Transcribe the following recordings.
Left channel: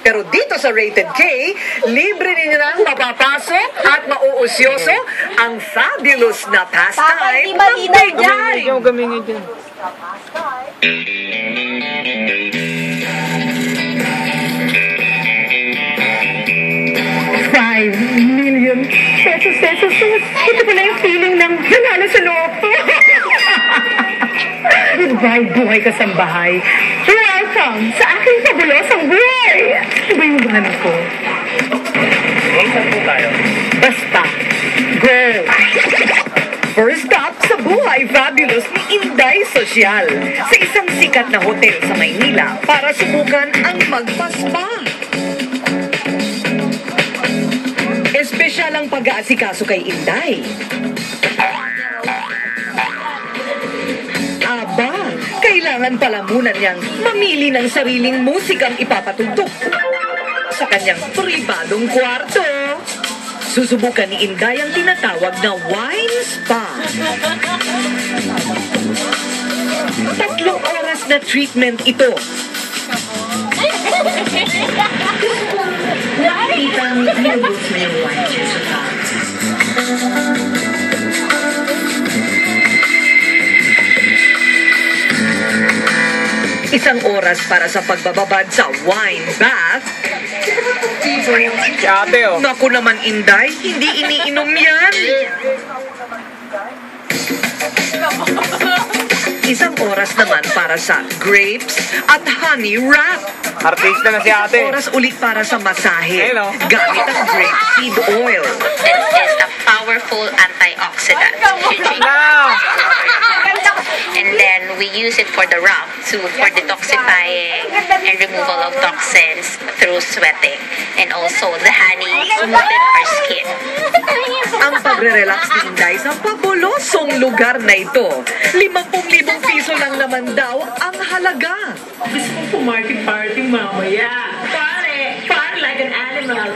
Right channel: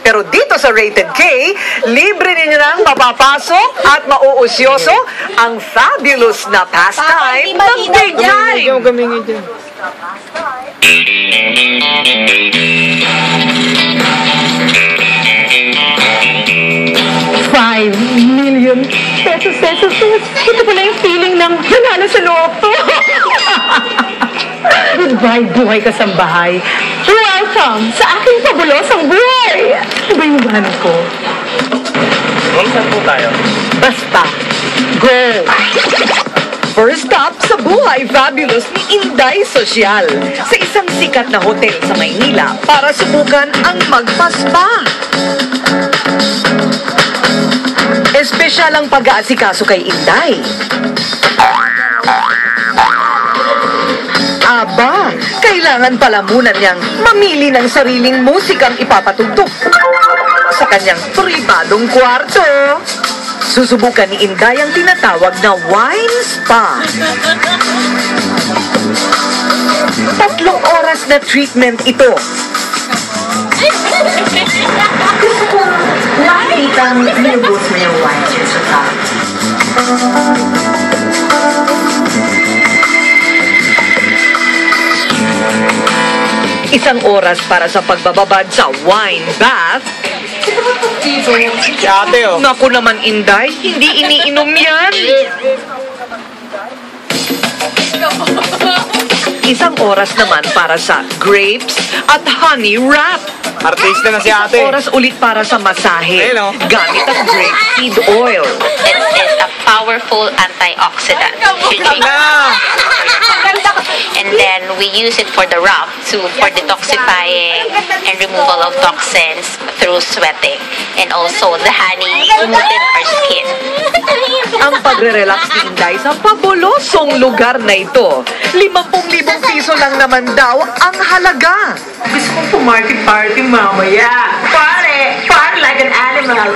Pero dito sa Rated K, libre ninyo nang mapapasok at mauusyoso ang fabulous na pastime ng Big Time. Ikaw gamingin dyan. ₱5 million. Ito pala yung feeling ng nanalo sa looto. Goodbye, buhay kasambahay. Welcome sa aking pabulosang buhay. Iba yung gahanap ko. Saan po tayo? Basta, go! First stop sa buhay fabulous ni Inday Social sa isang sikat na hotel sa Maynila para subukan ang magpaspa. Espesyal ang pag-aasikaso kay Inday. Aba, kailangan pala muna niyang mamili ng sariling musikang ipapatugtog sa kanyang pribadong kwarto. Susubukan ni Inday ang tinatawag na wine spa. 3 oras na treatment ito. Gusto ko nakikita ang nilubos mo yung wine sa tao. Isang oras para sa pagbababad sa wine bath. Si ate, oh. Naku naman, Inday, hindi iniinom yan. Isang oras naman para sa grapes at honey wrap. Artista na si Isang ate. oras ulit para sa masahe Ayun, oh. gamit ang grapeseed oil. This is a powerful antioxidant. Na! And then we use it for the wrap for detoxifying and removal of toxins through sweating. And also the honey smoothen our skin. Ang pagre-relax ni Inday sa pabulosong lugar na ito. 50,000 piso lang naman daw ang halaga. Gusto kong pumarty-party mamaya. Party! Party like an animal.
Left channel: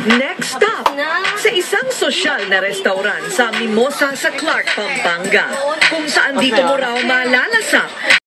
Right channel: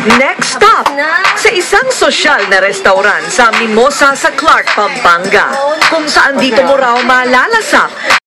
Next stop, sa isang sosyal na restaurant sa Mimosa sa Clark, Pampanga, kung saan dito mo raw malalasap